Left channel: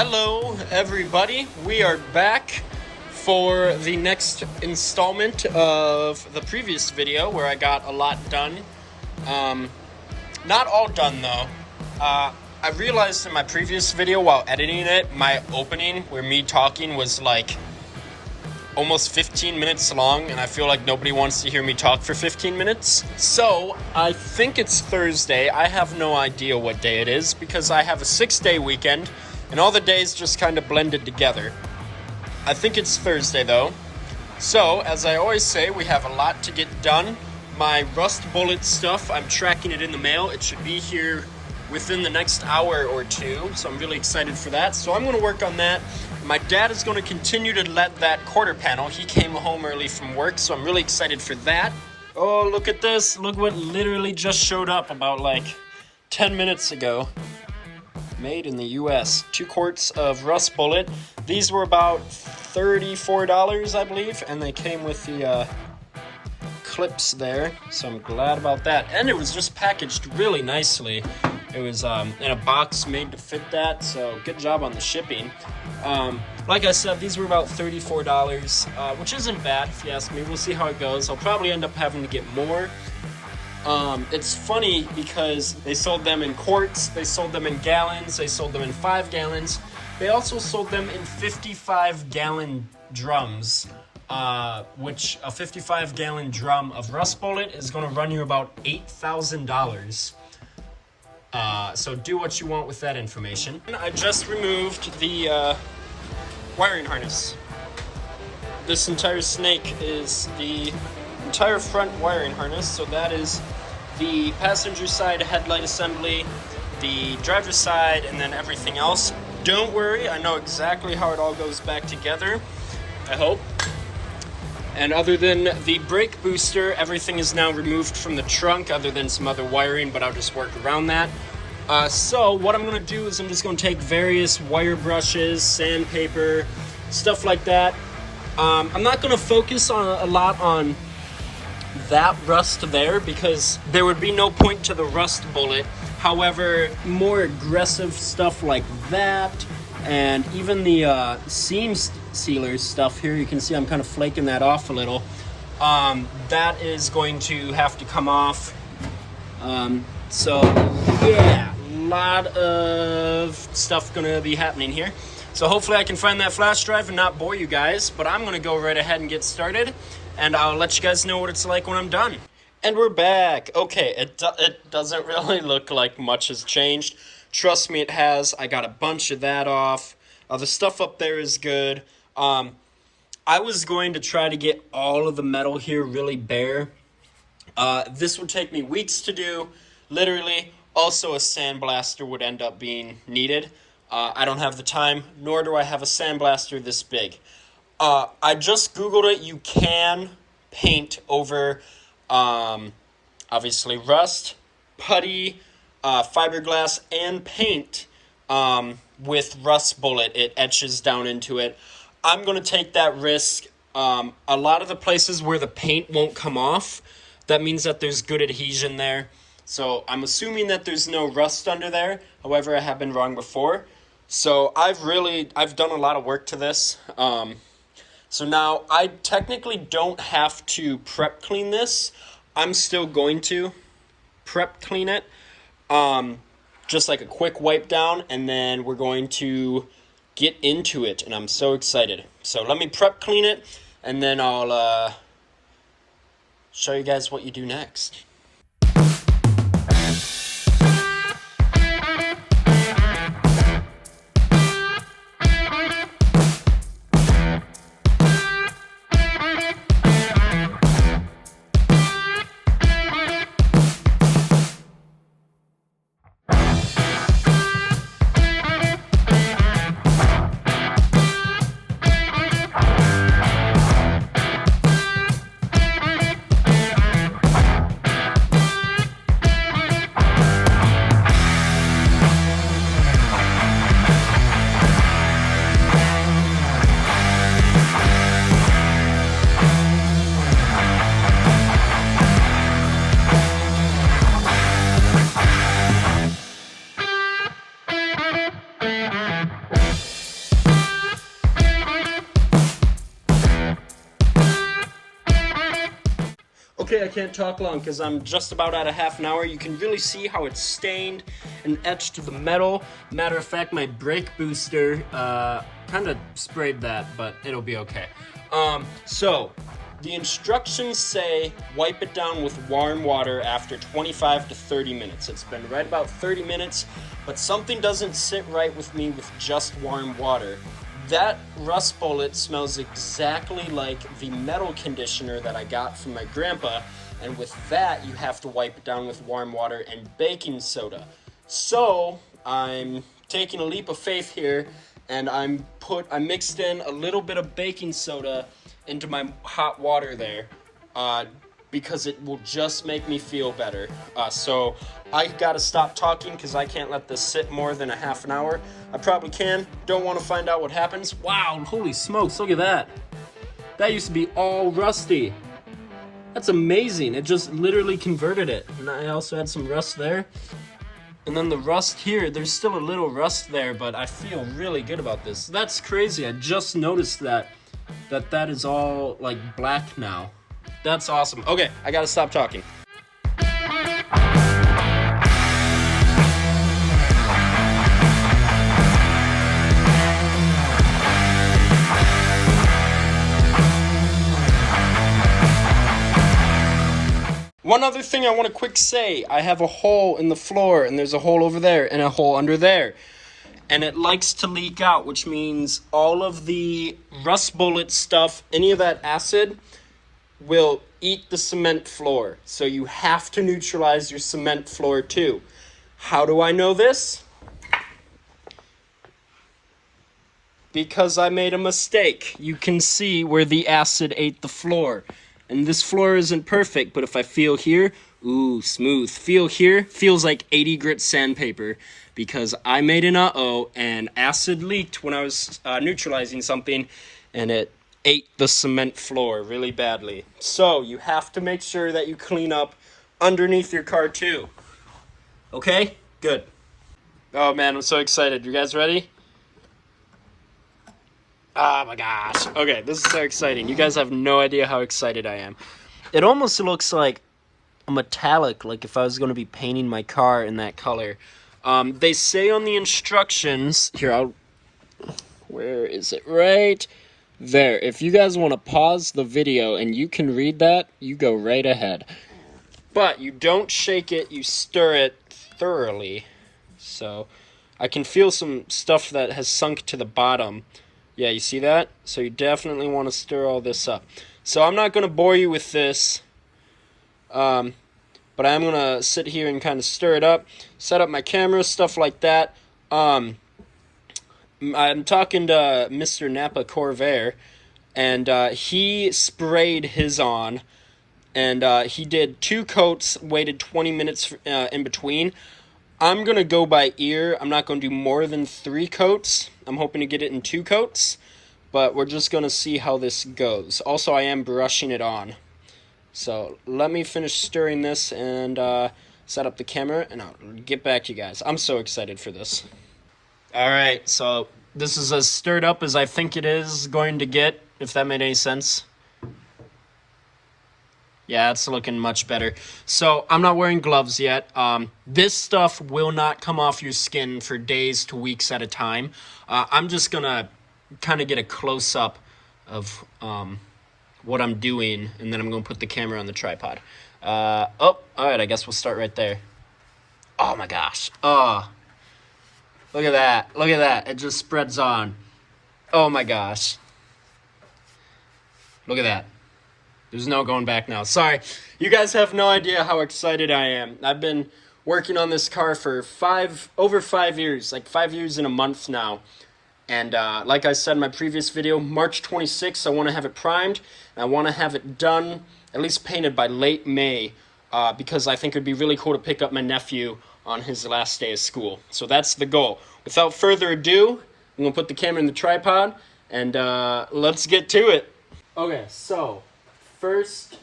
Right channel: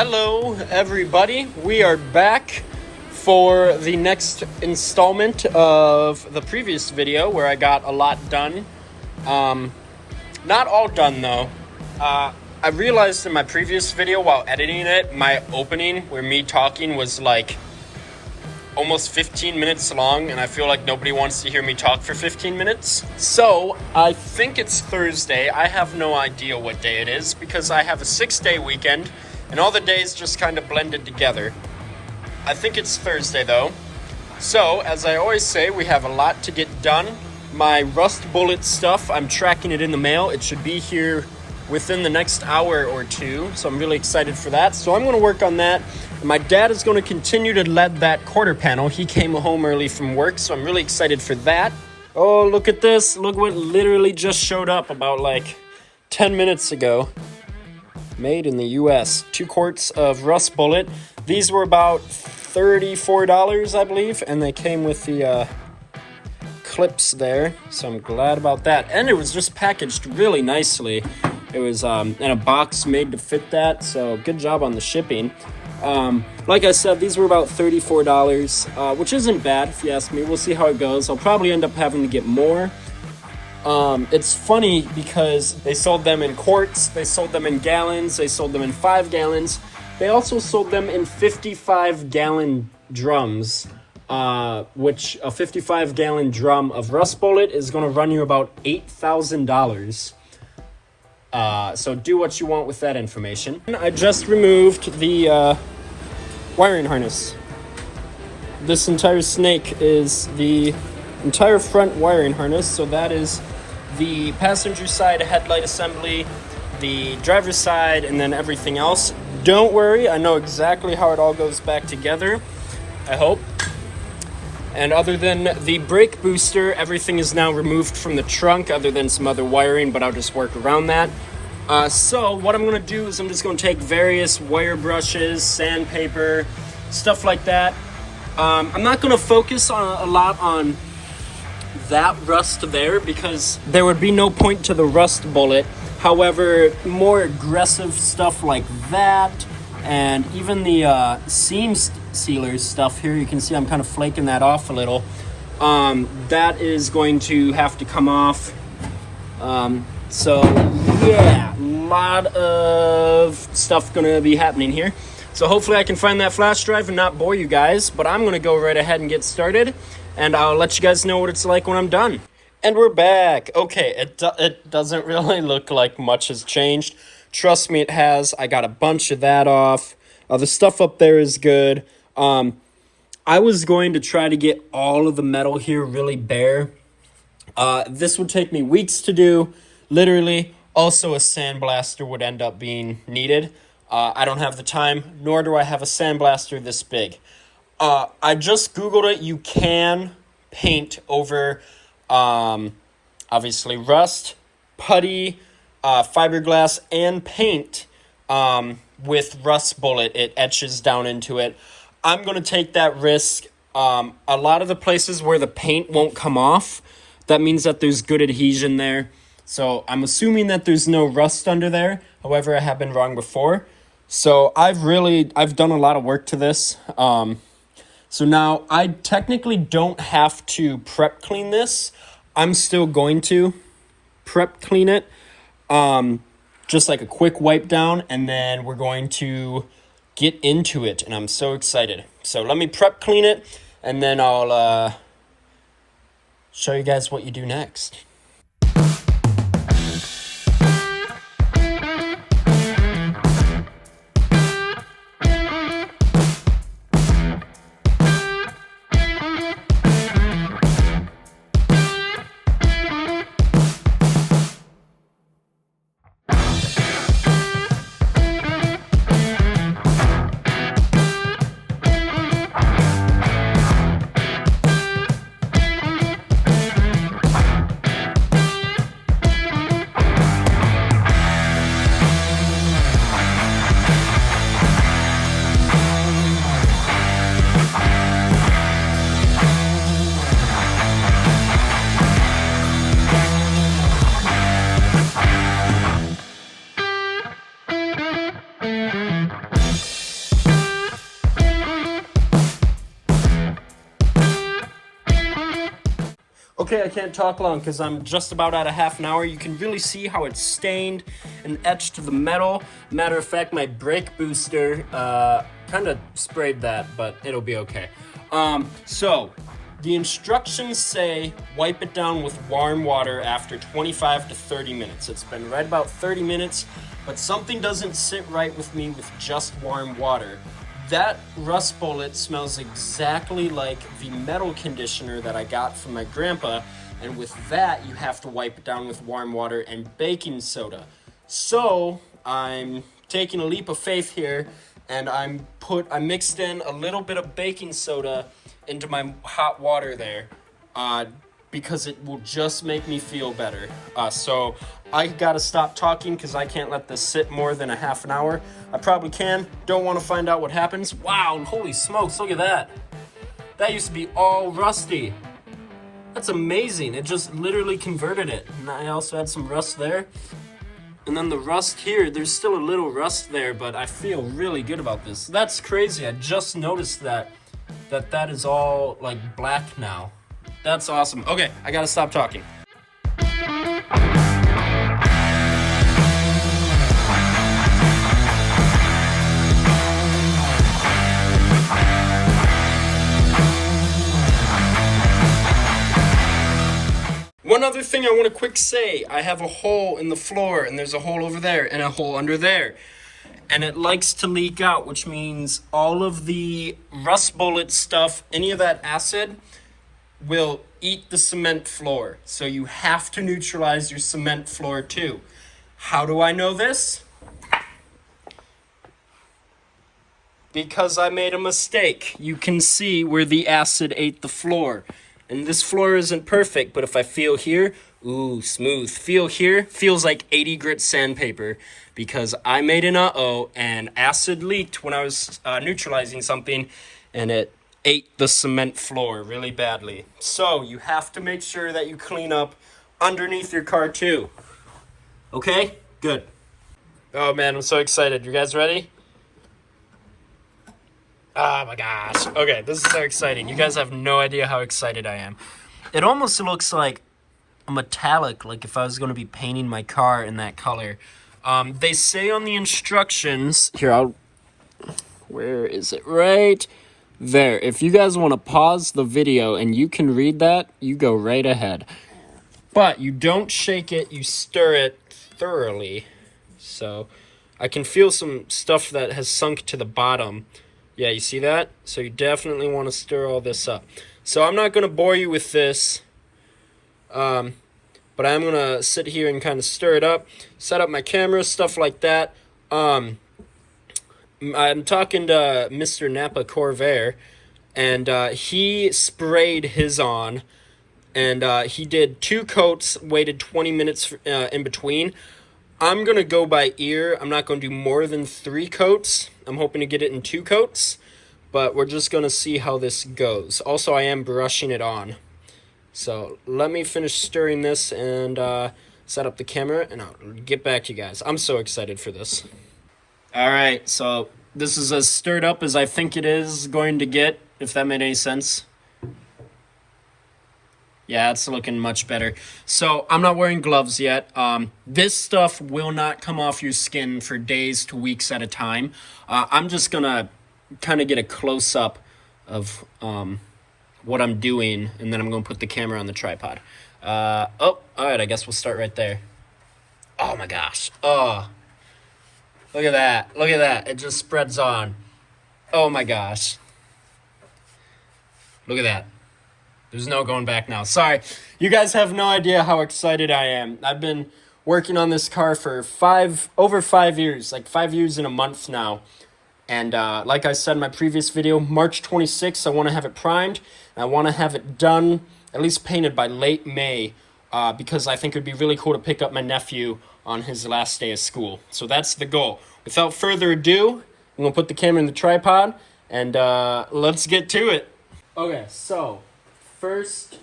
Hello everybody, we are back for the next installment of the previous video where I got a lot done. Not all done though. I realized in my previous video while editing it, my opening where me talking was like almost 15 minutes long, and I feel like nobody wants to hear me talk for 15 minutes. So I think it's Thursday. I have no idea what day it is because I have a 6-day weekend and all the days just kind of blended together. I think it's Thursday though. So as I always say, we have a lot to get done. My rust bullet stuff, I'm tracking it in the mail. It should be here within the next hour or two, so I'm really excited for that. So I'm gonna work on that. My dad is gonna continue to lead that quarter panel. He came home early from work, so I'm really excited for that. Oh, look at this. Look what literally just showed up about like 10 minutes ago. Made in the US. 2 quarts of rust bullet. These were about $34, I believe, and they came with the clips there, so I'm glad about that. And it was just packaged really nicely. It was in a box made to fit that, so good job on the shipping. Like I said, these were about $34, which isn't bad if you ask me. We'll see how it goes. I'll probably end up having to get more. It's funny because they sold them in quarts, they sold them in gallons, they sold them in 5 gallons. They also sold them in 55-gallon drums, which a 55-gallon drum of rust bullet is going to run you about $8,000. So do what you want with that information. I just removed the wiring harness. This entire snake is the entire front wiring harness, so that is the passenger side headlight assembly, the driver's side, and then everything else. Don't worry, I know exactly how it all goes back together, I hope. And other than the brake booster, everything is now removed from the trunk other than some other wiring, but I'll just work around that. So what I'm gonna do is I'm just gonna take various wire brushes, sandpaper, stuff like that. I'm not gonna focus on a lot on that rust there because there would be no point to the rust bullet. However, more aggressive stuff like that, and even the seam sealers stuff here, you can see I'm kind of flaking that off a little. That is going to have to come off. So yeah, a lot of stuff gonna be happening here. So hopefully I can find that flash drive and not bore you guys, but I'm gonna go right ahead and get started, and I'll let you guys know what it's like when I'm done. And we're back. Okay, it doesn't really look like much has changed. Trust me, it has. I got a bunch of that off. The stuff up there is good. I was going to try to get all of the metal here really bare. This would take me weeks to do, literally. Also, a sandblaster would end up being needed. I don't have the time, nor do I have a sandblaster this big. I just Googled it. You can paint over, obviously, rust, putty, fiberglass, and paint with rust bullet. It etches down into it. I'm going to take that risk. A lot of the places where the paint won't come off, that means that there's good adhesion there. So I'm assuming that there's no rust under there. However, I have been wrong before. So I've done a lot of work to this. So now I technically don't have to prep clean this. I'm still going to prep clean it. Just like a quick wipe down, and then we're going to get into it, and I'm so excited. So let me prep clean it, and then I'll show you guys what you do next. talk long because I'm just about at a half an hour. You can really see how it's stained and etched to the metal. Matter of fact, my brake booster kind of sprayed that, but it'll be okay. So the instructions say wipe it down with warm water after 25 to 30 minutes. It's been right about 30 minutes, but something doesn't sit right with me with just warm water. That rust bullet smells exactly like the metal conditioner that I got from my grandpa, and with that, you have to wipe it down with warm water and baking soda. So I'm taking a leap of faith here, and I mixed in a little bit of baking soda into my hot water there, because it will just make me feel better. So I gotta stop talking because I can't let this sit more than a half an hour. I probably can. Don't want to find out what happens. Wow, holy smokes, look at that. That used to be all rusty. That's amazing. It just literally converted it. And I also had some rust there. And then the rust here, there's still a little rust there, but I feel really good about this. That's crazy. I just noticed that is all like black now. That's awesome. Okay, I gotta stop talking. One other thing I want to quick say, I have a hole in the floor, and there's a hole over there, and a hole under there. And it likes to leak out, which means all of the rust bullet stuff, any of that acid, will eat the cement floor. So you have to neutralize your cement floor too. How do I know this? Because I made a mistake. You can see where the acid ate the floor. And this floor isn't perfect, but if I feel here, ooh, smooth. Feel here, feels like 80 grit sandpaper, because I made an uh-oh, and acid leaked when I was neutralizing something, and it ate the cement floor really badly. So you have to make sure that you clean up underneath your car too. Okay? Good. Oh man, I'm so excited. You guys ready? Oh my gosh. Okay, this is so exciting. You guys have no idea how excited I am. It almost looks like a metallic, like if I was going to be painting my car in that color. They say on the instructions, here, where is it? Right there. If you guys want to pause the video and you can read that, you go right ahead. But you don't shake it, you stir it thoroughly. So I can feel some stuff that has sunk to the bottom. Yeah, you see that? So you definitely want to stir all this up. So I'm not going to bore you with this, but I'm going to sit here and kind of stir it up, set up my camera, stuff like that. I'm talking to Mr. Napa Corvair, and he sprayed his on, and he did 2 coats, waited 20 minutes in between. I'm going to go by ear. I'm not going to do more than 3 coats. I'm hoping to get it in 2 coats, but we're just going to see how this goes. Also, I am brushing it on. So let me finish stirring this and set up the camera, and I'll get back to you guys. I'm so excited for this. All right, so this is as stirred up as I think it is going to get, if that made any sense. Yeah, it's looking much better. So I'm not wearing gloves yet. This stuff will not come off your skin for days to weeks at a time. I'm just gonna kind of get a close-up of what I'm doing, and then I'm gonna put the camera on the tripod. All right, I guess we'll start right there. Oh my gosh. Oh, look at that. Look at that. It just spreads on. Oh my gosh. Look at that. There's no going back now. Sorry. You guys have no idea how excited I am. I've been working on this car for over 5 years, like 5 years and a month now. And like I said in my previous video, March 26th, I want to have it primed. I want to have it done, at least painted by late May, because I think it would be really cool to pick up my nephew on his last day of school. So that's the goal. Without further ado, I'm going to put the camera in the tripod, and let's get to it. Okay, so first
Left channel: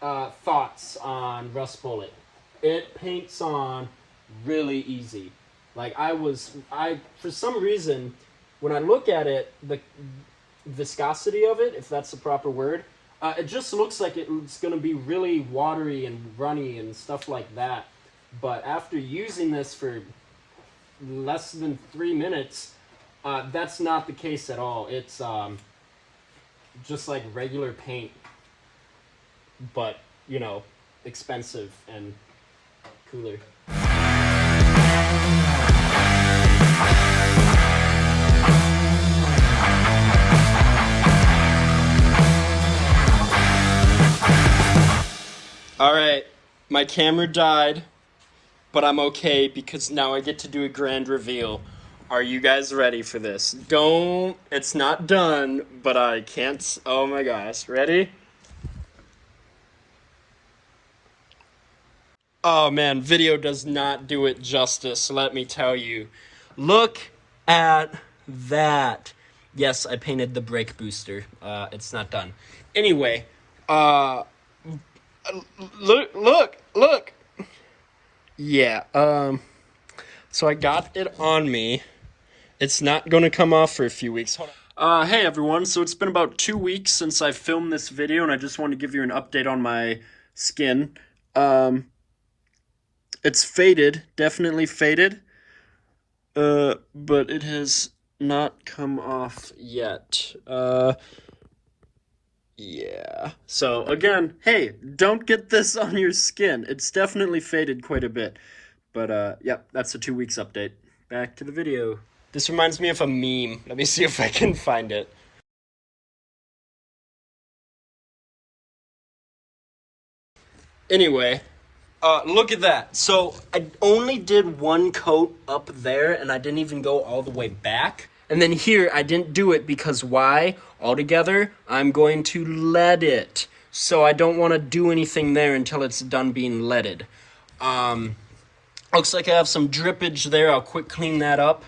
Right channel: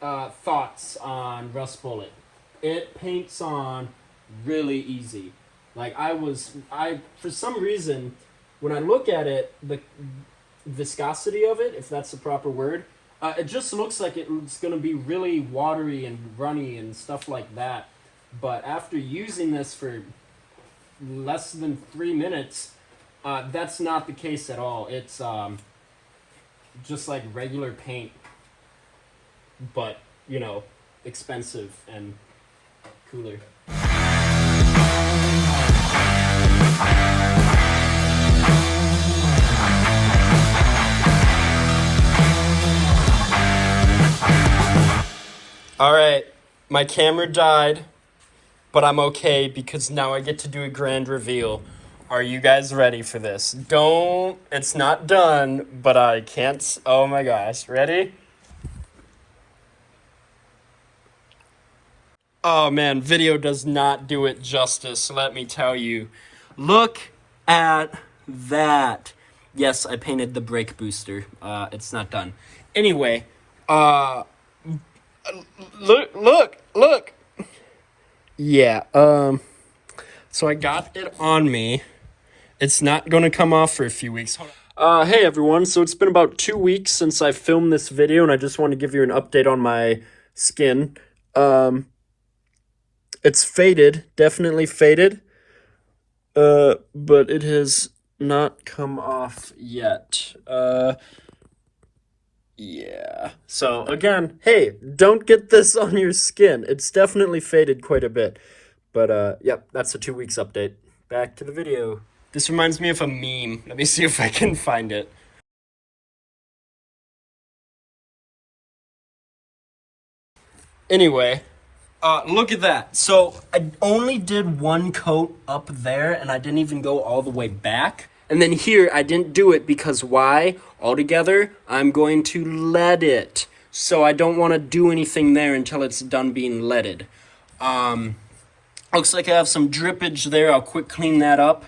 thoughts on Rust Bullet. It paints on really easy. Like for some reason, when I look at it, the viscosity of it, if that's the proper word, It just looks like it's going to be really watery and runny and stuff like that. But after using this for less than 3 minutes, that's not the case at all. It's just like regular paint, but, you know, expensive and cooler. Alright, my camera died, but I'm okay because now I get to do a grand reveal. Are you guys ready for this? It's not done, but I can't, oh my gosh, ready? Oh man, video does not do it justice, let me tell you. Look at that. Yes, I painted the brake booster. It's not done. Anyway, look. Yeah, so I got it on me. It's not gonna come off for a few weeks. Hey everyone, so it's been about 2 weeks since I filmed this video, and I just want to give you an update on my skin. It's faded, definitely faded, but it has not come off yet. Yeah. So, again, hey, don't get this on your skin. It's definitely faded quite a bit. But, yep, that's a 2 weeks update. Back to the video. This reminds me of a meme. Let me see if I can find it. Anyway, look at that. So, I only did one coat up there, and I didn't even go all the way back. And then here, I didn't do it because why? Altogether, I'm going to lead it. So I don't want to do anything there until it's done being leaded. Looks like I have some drippage there. I'll quick clean that up.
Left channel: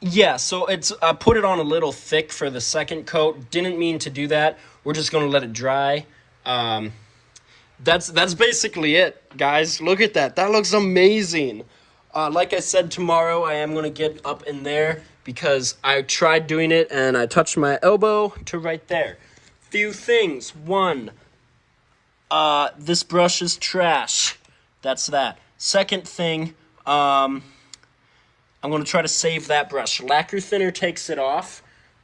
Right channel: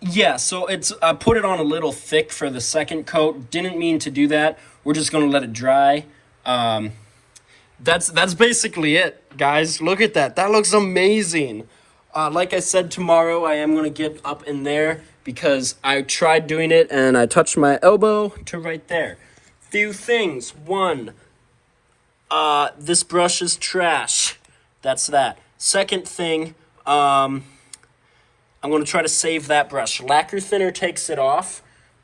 Yeah, so I put it on a little thick for the second coat. Didn't mean to do that. We're just going to let it dry. That's basically it, guys. Look at that. That looks amazing. Like I said, tomorrow I am going to get up in there because I tried doing it and I touched my elbow to right there. Few things. One, this brush is trash. That's that. Second thing, I'm going to try to save that brush. Lacquer thinner takes it off.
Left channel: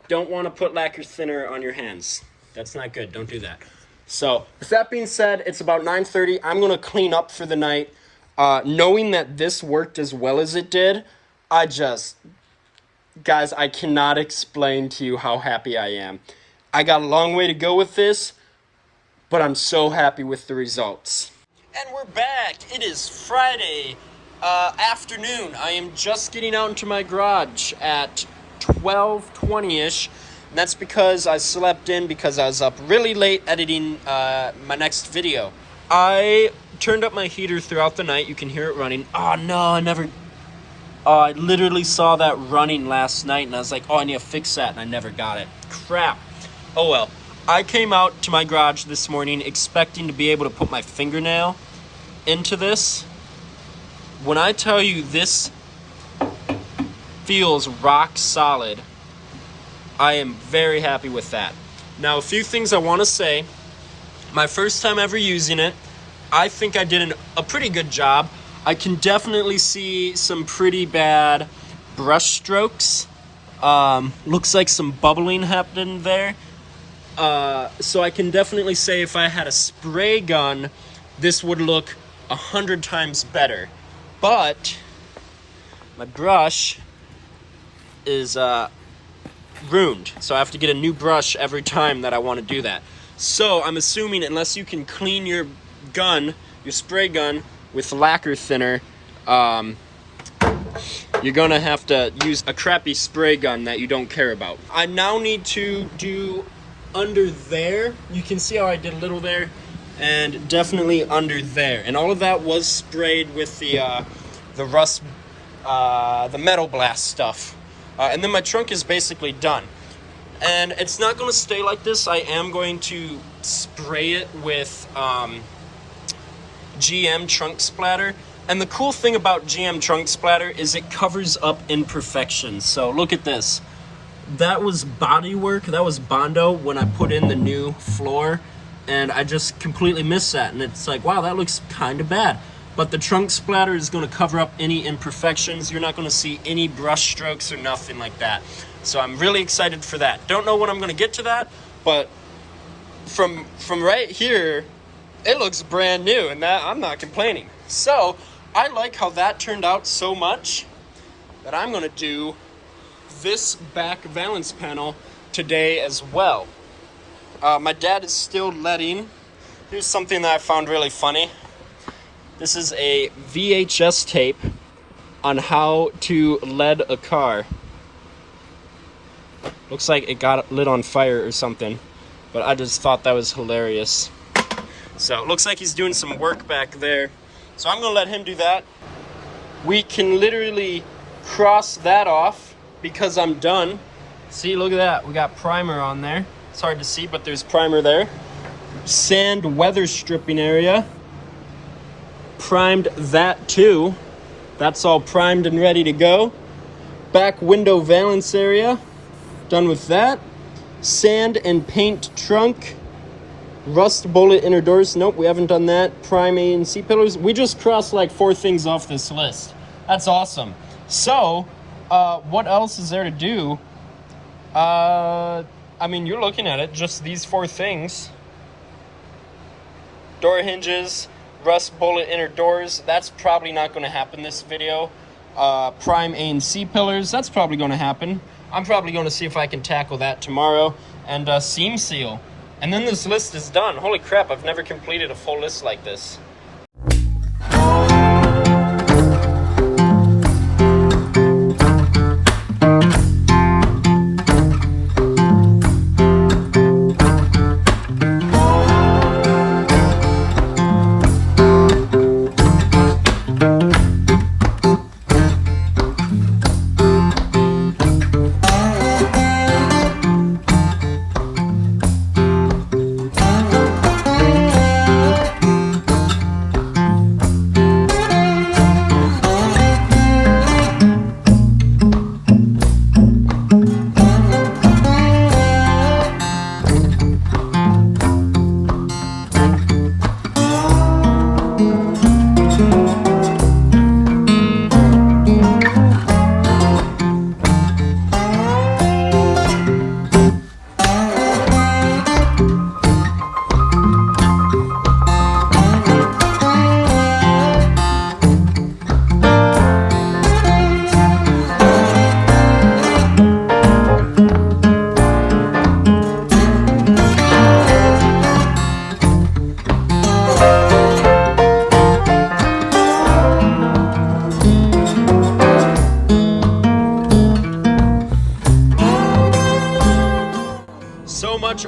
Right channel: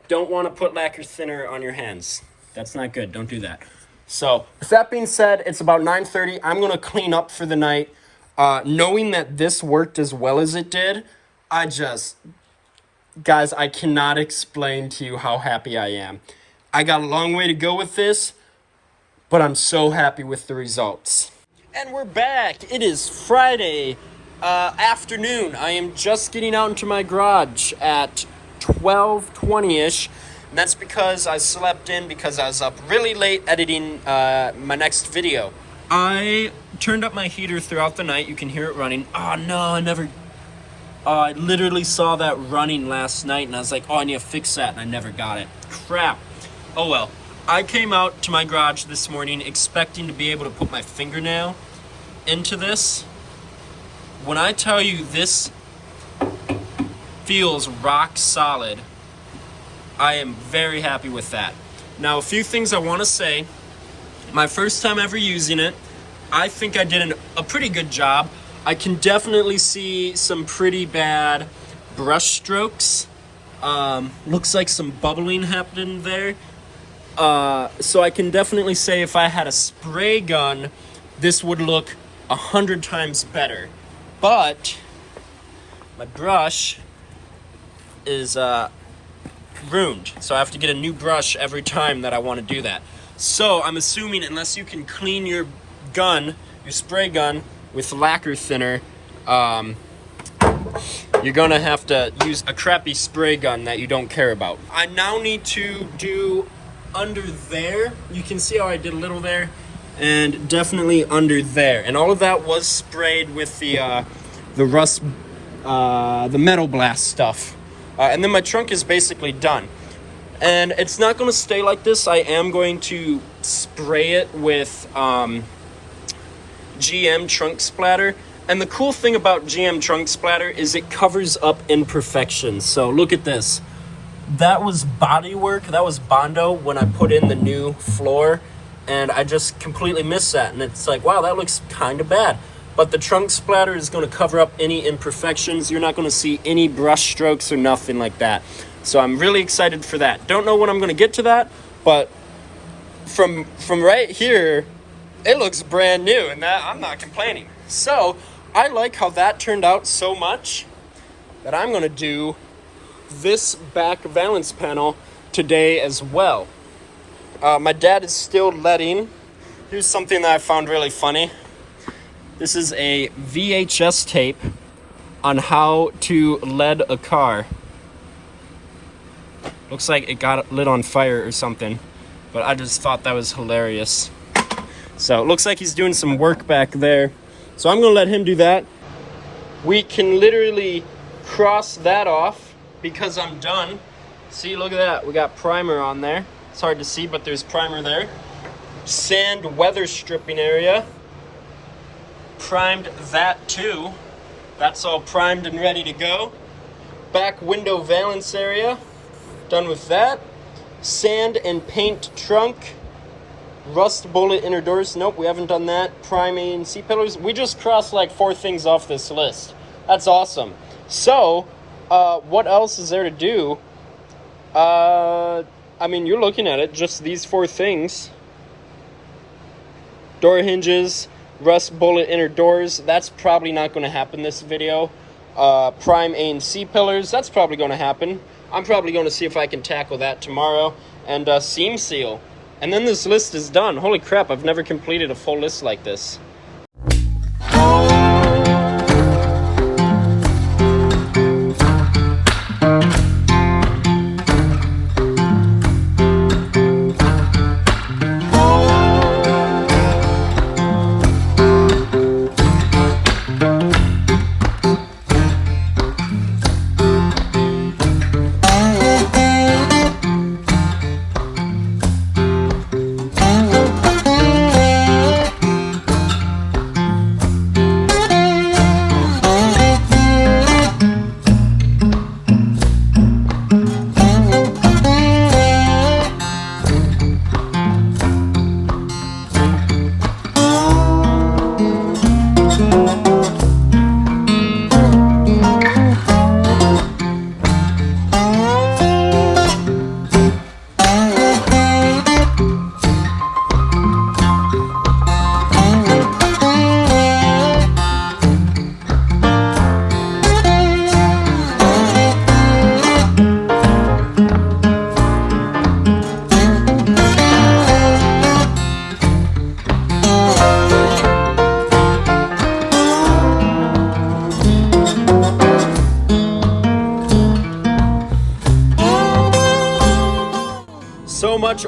Don't want to put lacquer thinner on your hands. That's not good. Don't do that. So, with that being said, it's about 9:30. I'm going to clean up for the night. Knowing that this worked as well as it did, guys, I cannot explain to you how happy I am. I got a long way to go with this, but I'm so happy with the results. And we're back. It is Friday afternoon. I am just getting out into my garage at 12:20-ish. That's because I slept in because I was up really late editing my next video. I turned up my heater throughout the night. You can hear it running. Oh no, I literally saw that running last night and I was like, oh, I need to fix that, and I never got it. Crap. Oh well. I came out to my garage this morning expecting to be able to put my fingernail into this. When I tell you this feels rock solid, I am very happy with that. Now, a few things I want to say. My first time ever using it, I think I did a pretty good job. I can definitely see some pretty bad brush strokes. Looks like some bubbling happened there. So I can definitely say if I had a spray gun, this would look 100 times better. But my brush is ruined, so I have to get a new brush every time that I want to do that. So I'm assuming unless you can clean your gun, your spray gun, with lacquer thinner, you're gonna have to use a crappy spray gun that you don't care about. I now need to do under there. You can see how I did a little there, and definitely under there. And all of that was sprayed with the rust, the metal blast stuff. And then my trunk is basically done. And it's not going to stay like this. I am going to spray it with GM trunk splatter. And the cool thing about GM trunk splatter is it covers up imperfections. So look at this. that was body work, that was Bondo when I put in the new floor, and I just completely missed that, and it's like, wow, that looks kind of bad. But the trunk splatter is going to cover up any imperfections. You're not going to see any brush strokes or nothing like that. So I'm really excited for that. Don't know when I'm going to get to that, but from right here, it looks brand new, and that I'm not complaining. So I like how that turned out so much that I'm going to do this back valance panel today as well. My dad is still leading. Here's something that I found really funny. This is a VHS tape on how to lead a car. Looks like it got lit on fire or something, but I just thought that was hilarious. So it looks like he's doing some work back there. So I'm gonna let him do that. We can literally cross that off because I'm done. See, look at that. We got primer on there. It's hard to see, but there's primer there. Sand weather stripping area. Primed that too. That's all primed and ready to go. Back window valance area. Done with that. Sand and paint trunk. Rust bullet inner doors. Nope, we haven't done that. Prime A and C pillars. We just crossed like 4 things off this list. That's awesome. So, what else is there to do? I mean, you're looking at it, just these 4 things. Door hinges, rust bullet inner doors. That's probably not going to happen this video. Prime A and C pillars. That's probably going to happen. I'm probably going to see if I can tackle that tomorrow. And seam seal. And then this list is done. Holy crap, I've never completed a full list like this.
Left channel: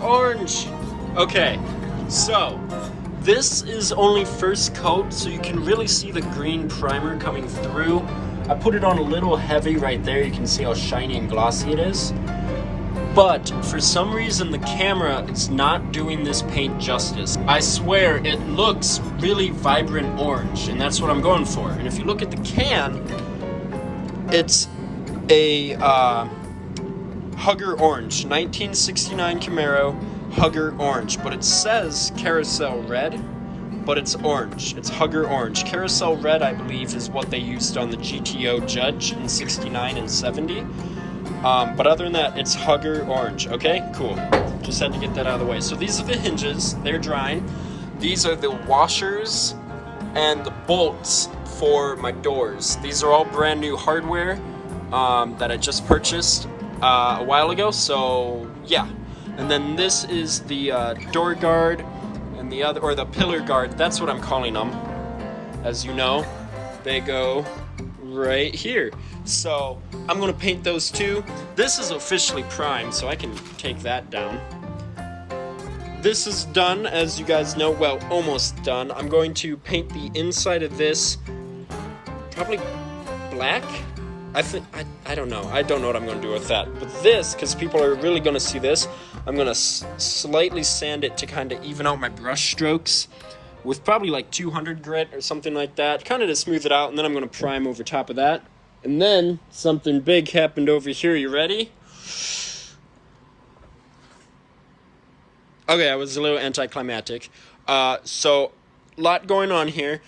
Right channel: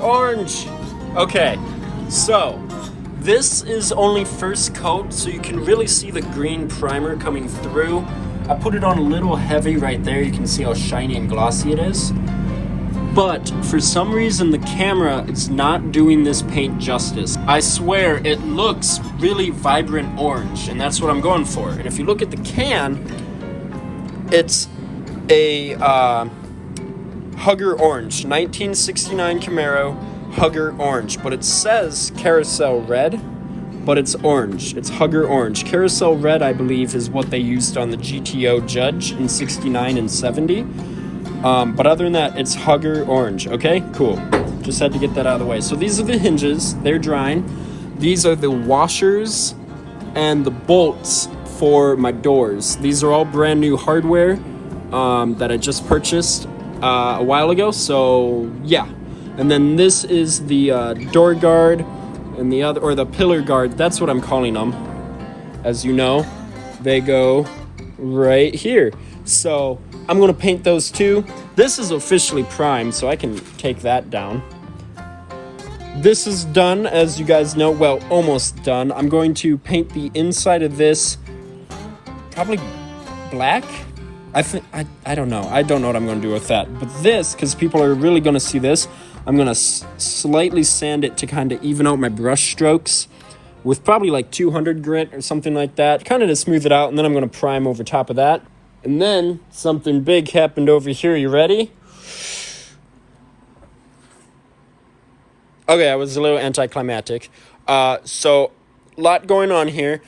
Orange. Okay, so this is only first coat, so you can really see the green primer coming through. I put it on a little heavy right there. You can see how shiny and glossy it is. But for some reason, the camera is not doing this paint justice. I swear, it looks really vibrant orange, and that's what I'm going for. And if you look at the can, it's a Hugger Orange, 1969 Camaro Hugger Orange, but it says Carousel Red, but it's orange. It's Hugger Orange. Carousel Red, I believe, is what they used on the GTO Judge in 69 and 70. But other than that, it's Hugger Orange. Okay, cool. Just had to get that out of the way. So these are the hinges. They're drying. These are the washers and the bolts for my doors. These are all brand new hardware that I just purchased a while ago. So yeah. And then this is the door guard and the other, or the pillar guard. That's what I'm calling them. As you know, they go right here. So I'm gonna paint those too. This is officially primed, so I can take that down. This is done, as you guys know, well, almost done. I'm going to paint the inside of this probably black. I don't know. I don't know what I'm gonna do with that. But this, because people are really gonna see this, I'm gonna slightly sand it to kind of even out my brush strokes with probably like 200 grit or something like that, kind of to smooth it out, and then I'm gonna prime over top of that. And then something big happened over here. You ready? Okay, I was a little anticlimactic. So, lot going on here.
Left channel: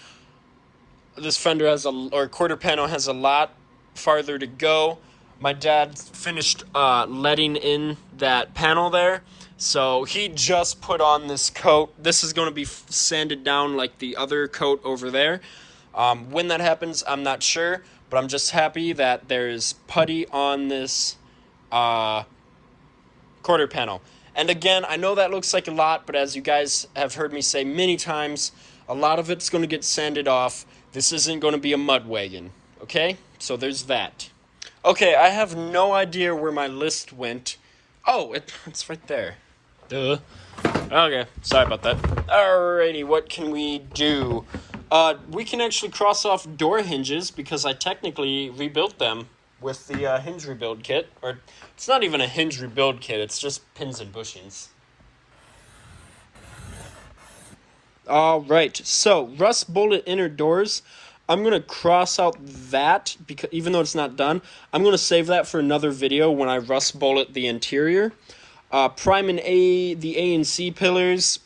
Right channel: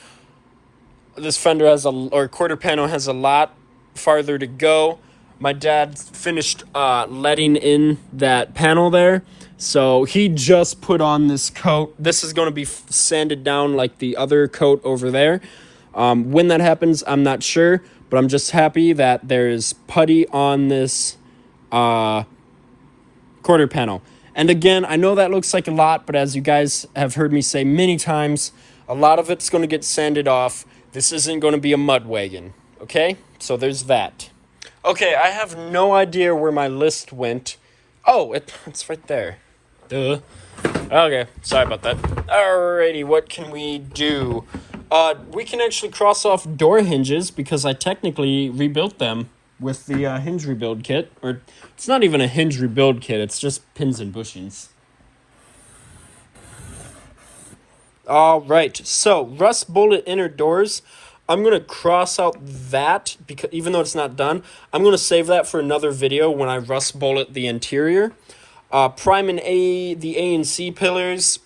This fender or quarter panel has a lot farther to go. My dad finished letting in that panel there. So he just put on this coat. This is going to be sanded down like the other coat over there. When that happens, I'm not sure. But I'm just happy that there is putty on this quarter panel. And again, I know that looks like a lot, but as you guys have heard me say many times, a lot of it's going to get sanded off. This isn't going to be a mud wagon, okay? So there's that. Okay, I have no idea where my list went. Oh, it's right there. Duh. Okay, sorry about that. Alrighty, what can we do? We can actually cross off door hinges because I technically rebuilt them with the hinge rebuild kit. Or it's not even a hinge rebuild kit, it's just pins and bushings. Alright, so rust bullet inner doors. I'm going to cross out that, because even though it's not done, I'm going to save that for another video when I rust bullet the interior. Prime and the A and C pillars,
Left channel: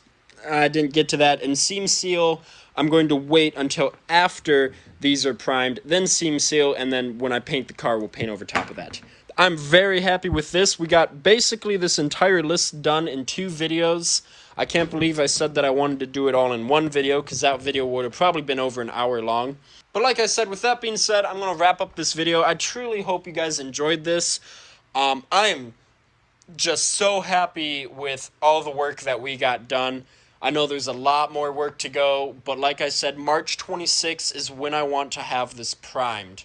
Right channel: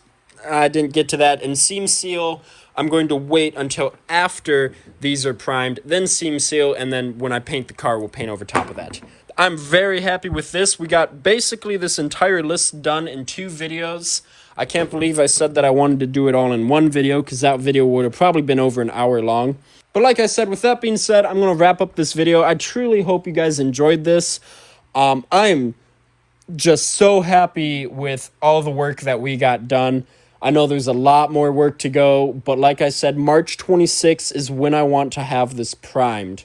I didn't get to that. And seam seal, I'm going to wait until after these are primed, then seam seal, and then when I paint the car, we'll paint over top of that. I'm very happy with this. We got basically this entire list done in 2 videos. I can't believe I said that I wanted to do it all in 1 video, because that video would have probably been over an hour long. But like I said, with that being said, I'm going to wrap up this video. I truly hope you guys enjoyed this. I'm just so happy with all the work that we got done. I know there's a lot more work to go, but like I said, March 26th is when I want to have this primed.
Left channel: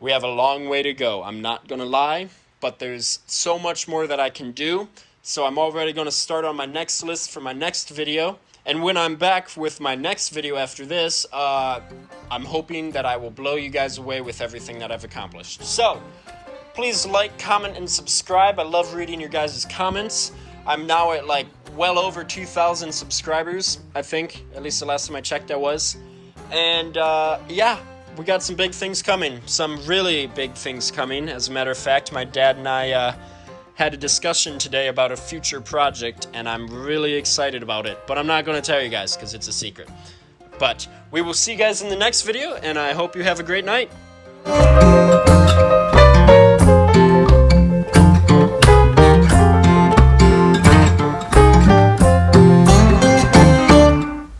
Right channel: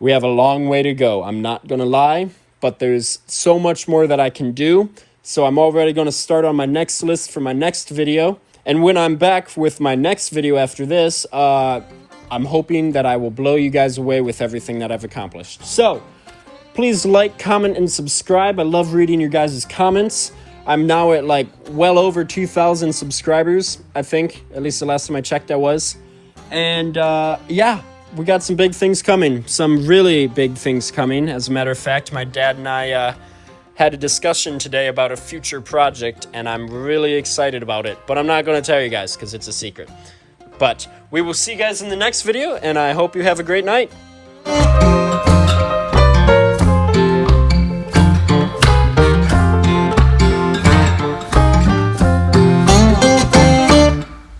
We have a long way to go, I'm not going to lie, but there's so much more that I can do. So I'm already going to start on my next list for my next video. And when I'm back with my next video after this, I'm hoping that I will blow you guys away with everything that I've accomplished. So, please like, comment, and subscribe. I love reading your guys' comments. I'm now at like well over 2,000 subscribers, I think. At least the last time I checked I was. And yeah, we got some big things coming. Some really big things coming. As a matter of fact, my dad and I had a discussion today about a future project, and I'm really excited about it. But I'm not going to tell you guys because it's a secret. But we will see you guys in the next video, and I hope you have a great night.